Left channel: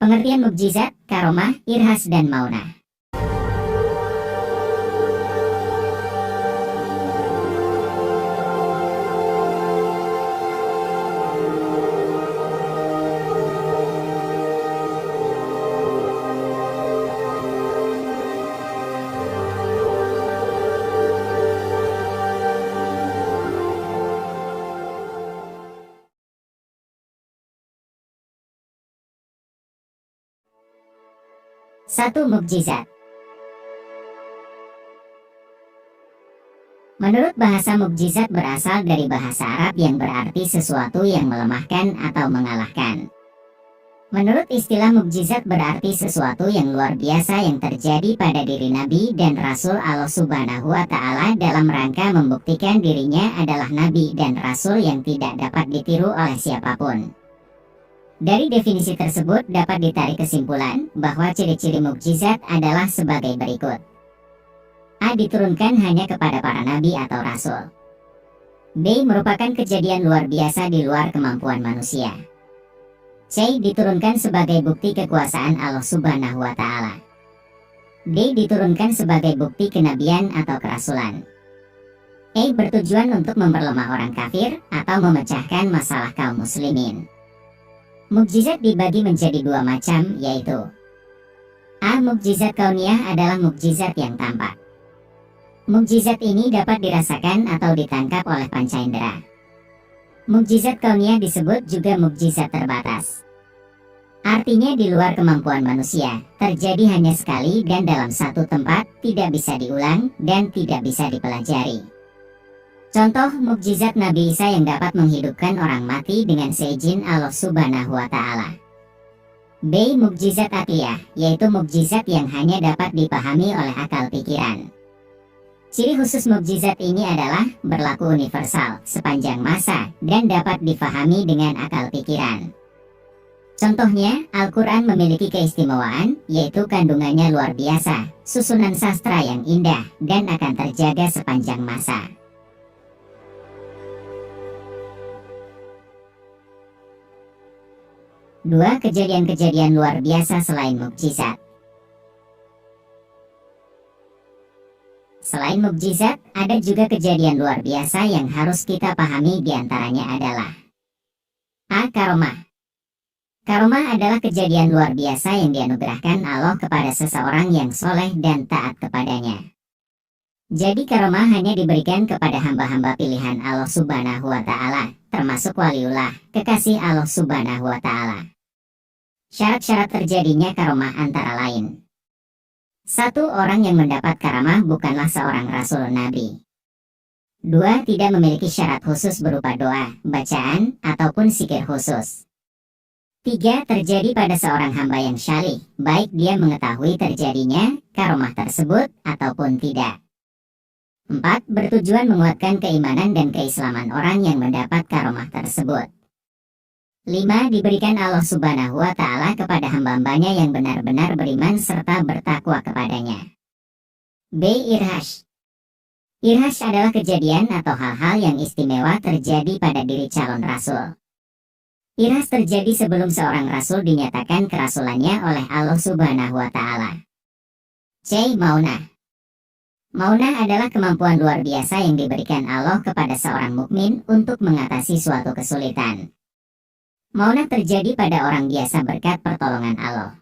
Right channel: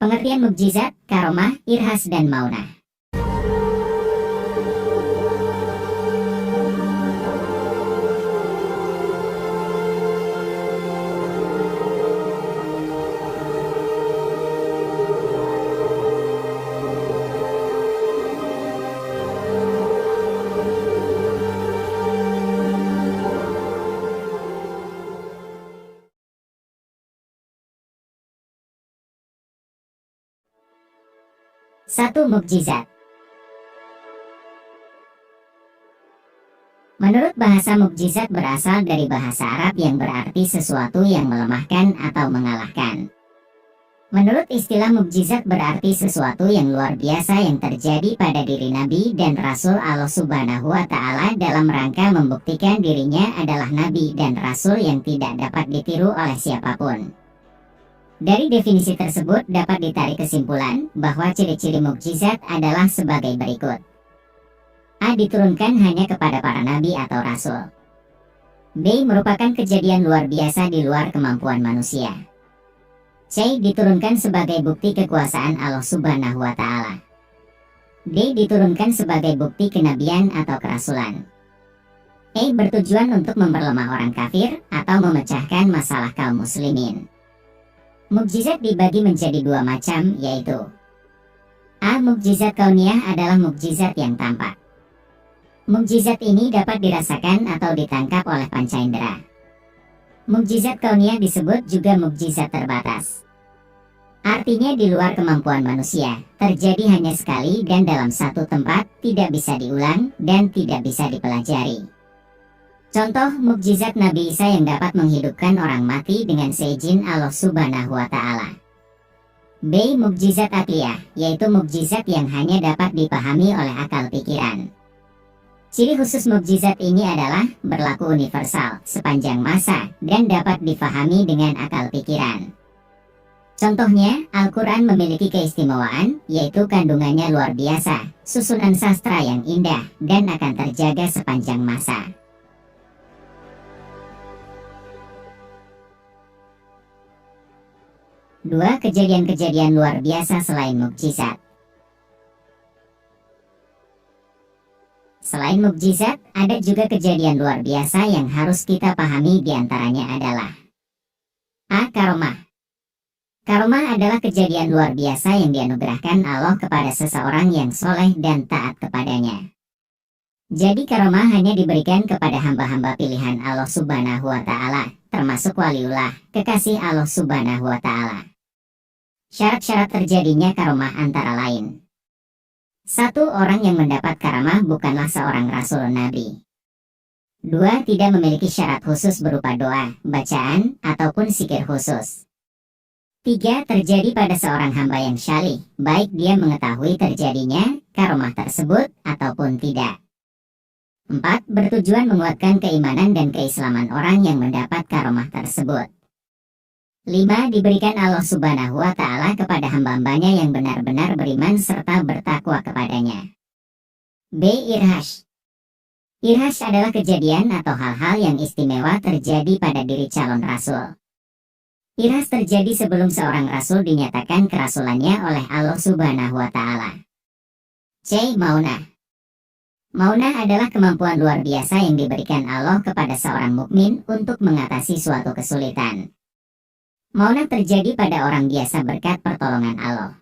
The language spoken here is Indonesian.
Pengertian mukjizat, karomah, irhas, dan maunah. Satu mukjizat. Menurut bahasa, mukjizat berasal dari bahasa Arab yang berarti sesuatu yang melemahkan atau mengalahkan. Menurut istilah, mukjizat berarti sesuatu yang luar biasa yang terjadi pada diri Nabi dan Rasul Allah Subhanahu wa Ta'ala dalam rangka membuktikan dirinya adalah Nabi dan Rasul yang tidak dapat ditiru oleh siapapun. Dari definisi tersebut dapat ditarik kesimpulan bahwa ciri-ciri mukjizat adalah sebagai berikut. A. Diturunkan hanya kepada para nabi atau rasul. B. Merupakan kejadian luar biasa di luar kemampuan manusia. C. Diturunkan sebagai bukti kekuasaan Allah Subhanahu wa Ta'ala. D. Diturunkan sebagai bukti kenabian atau kerasulan. E. Bertujuan untuk memperlemah orang kafir atau memecahkan masalah kaum muslimin. Mukjizat dibagi menjadi dua macam, yaitu A. Mukjizat kauniyah adalah mukjizat yang tampak. Mukjizat ini dapat dirasakan atau ditangkap oleh panca indera. Mukjizat kauniyah disebut juga mukjizat terbatas. Artinya di luar kemampuan manusia, terjadi hanya sekali dan dalam satu tempat, tidak bisa diulang dan tidak bisa dipelajari. Contoh mukjizat Nabi Isa yang dapat menghidupkan orang mati dengan seizin Allah Subhanahu wa Ta'ala. B. Mukjizat akliyah, yaitu mukjizat yang hanya dapat dipahami oleh akal pikiran. Ciri khusus mukjizat ini adalah berlaku universal sepanjang masa dan dapat difahami dengan akal pikiran. Contohnya, Al-Quran memiliki keistimewaan, yaitu kandungannya luar biasa, susunan sastra yang indah, dan akan terjaga sepanjang masa. Dua kejadian-kejadian luar biasa selain mukjizat. Selain mukjizat, ada juga kejadian luar biasa yang harus kita pahami, diantaranya adalah A. Karomah. Karomah adalah kejadian luar biasa yang dianugerahkan Allah kepada seseorang yang soleh dan taat kepadanya. Jadi karomah hanya diberikan kepada hamba-hamba pilihan Allah Subhanahu wa Ta'ala, termasuk waliullah, kekasih Allah Subhanahu wa Ta'ala. Syarat-syarat terjadinya karomah antara lain: 1. Orang yang mendapat karamah bukanlah seorang rasul nabi. 2. Tidak memiliki syarat khusus berupa doa, bacaan, ataupun zikir khusus. 3. Terjadi pada seorang hamba yang syalih, baik dia mengetahui terjadinya karomah tersebut ataupun tidak. 4. Bertujuan menguatkan keimanan dan keislaman orang yang mendapat karomah tersebut. 5. Diberikan Allah Subhanahu wa Ta'ala kepada hamba-hambanya yang benar-benar beriman serta bertakwa kepadanya. B. Irhas. Irhas adalah kejadian atau hal-hal yang istimewa terjadi pada diri calon rasul. Irhas terjadi sebelum seorang rasul dinyatakan kerasulannya oleh Allah Subhanahu wa Ta'ala. C. Maunah. Maunah adalah kemampuan luar biasa yang diberikan Allah kepada seorang mukmin untuk mengatasi suatu kesulitan. Maunah terjadi pada orang biasa berkat pertolongan Allah.